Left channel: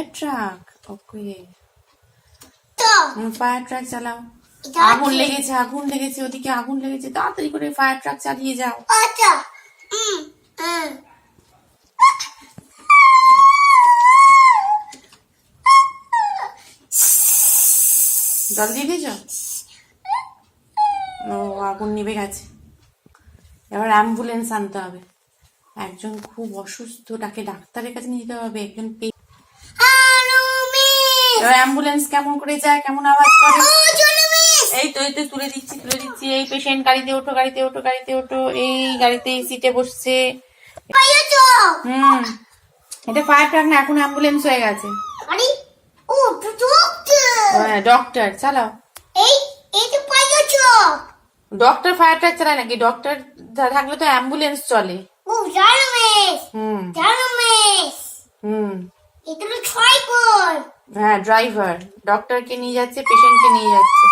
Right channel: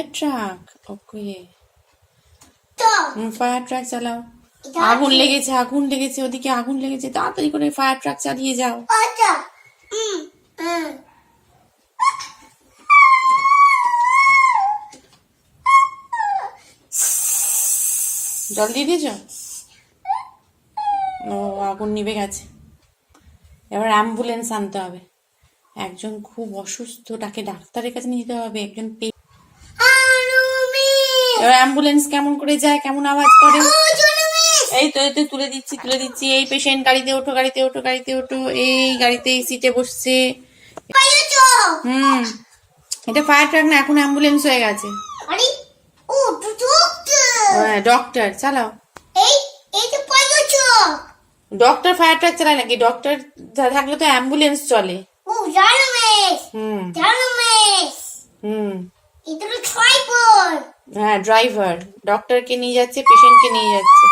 Fire truck. Okay, fire truck চালাও। আগুন লেগেছে, আগুন লেগেছে, ওদিকে আগুন লেগেছে, তাড়াতাড়ি করে ফায়ার ট্রাক চালিয়ে যাও। জল দিয়ে দিয়েছ? ও, আগুন নিভে গেছে। এবার অ্যাম্বুলেন্স আনতে হবে। একজন খুব অসুস্থ, তাকে ডাক্তারের কাছে নিয়ে যেতে হবে। একজন এবার অ্যাম্বুলেন্স কেমন করে যায়, কেমন আওয়াজ করে। এই তো তুলে দিচ্ছি। এই পেশেন্ট, গাড়িতে ওঠো, গাড়িতে ওঠো, গাড়িতে ওঠো। এই গাড়িতে সিটে বসছে। এটা ফায়ার ট্রাক না, এখন অ্যাম্বুলেন্স হয়ে গেছে। ডক্টর চালাও। ডক্টর ফায়ার ট্রাক চালায় নাকি? ডক্টর থাকলে তো অ্যাম্বুলেন্স চলে। হ্যাঁ, ড্রাইভার ডক্টরকে নিয়ে যাচ্ছে, পেশেন্টকে নিয়ে যাচ্ছে।